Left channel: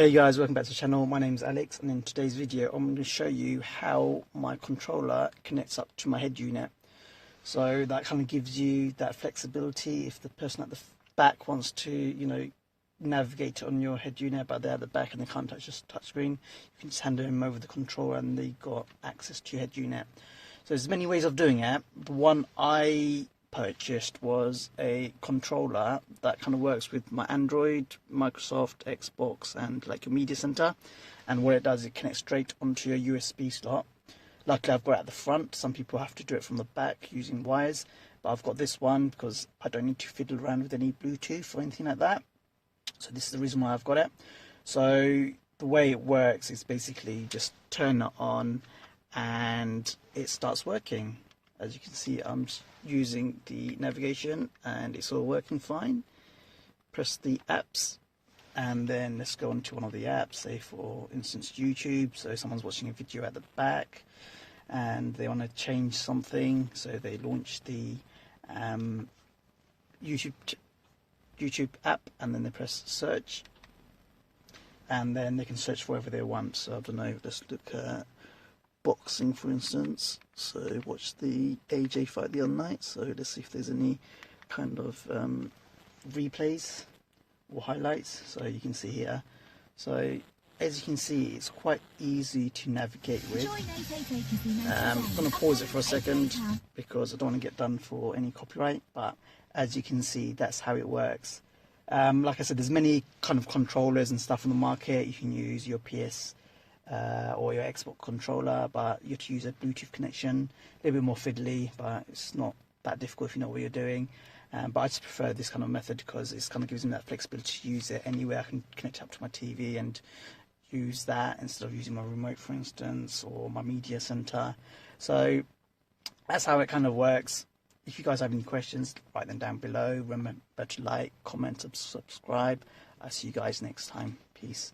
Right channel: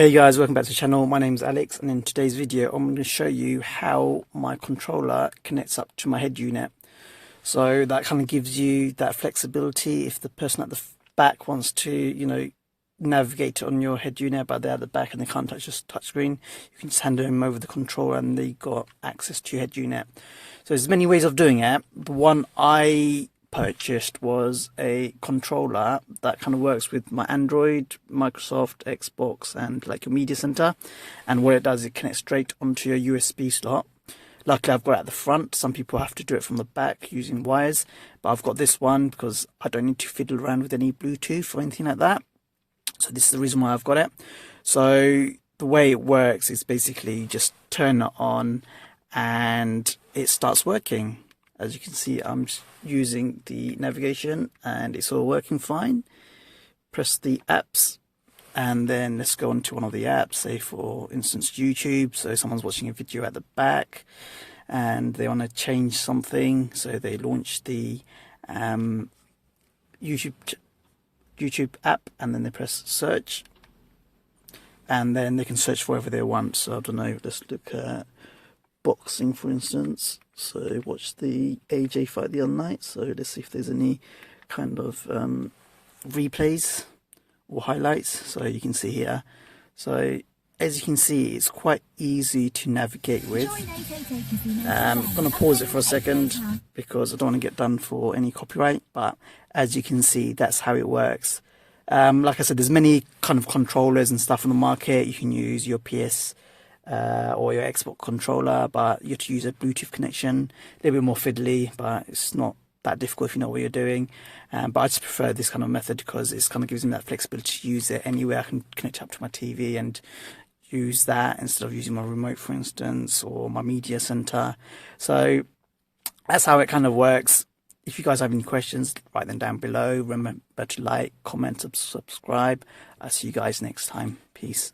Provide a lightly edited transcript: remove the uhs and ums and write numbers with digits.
Hey guys, welcome back to the channel. My name is Alex, and in today's video I'm going to show you how my controller connects up to my head unit. So that kind of gives you that flexibility if the person at the back wants to, navigate on your head unit, but they're at the back and they can't touch this touch screen. You can just hand them over the controller and they got access to your head unit. So there's many ways of doing it. The one I purchased was a controller that kind of works with my Android, Microsoft, Xbox, and like your media center. And what it does, it connects straight onto your USB slot. Luckily, I've got it at the front. Some people have to do it from the back using wires, but I've got this one because I don't need to fiddle around with any Bluetooth or anything like that. So this is the reason why I've got it. So the way it works is basically just turn it on and it starts working. As you can see, I'm using the navigation and it's all working fine. Press the apps and then let's go on to one of the apps, say for instance YouTube. So someone's watching a video at the back and they want to change something, so they launch the YouTube app and then they press search and then they can search for whatever they want. So I don't know, let's look at boxing for instance. So watch the AJ fight the other night, so let's see if there's any kind of replays or highlights. So you can see here, so as you can see, it's quite easy to navigate with. I'm going to pause it for a second because I don't want to get done for any copyright, but as you can see, that's how it works. Like I said, there's many kind of controllers and stuff on the market. You can use your PS or your Xbox controller, but you have to use a Bluetooth connection. A little bit more fiddly, but it's not that difficult if you know what you're doing. But I just prefer this kind of method because it kind of gives me that flexibility to use it anywhere. I can connect up to my TV and use that instead of using my remote, for instance, or my media center. So that's how it kind of works. If you guys have any questions, write them down below. Remember to like, comment, subscribe. I'll see you guys next time. Peace.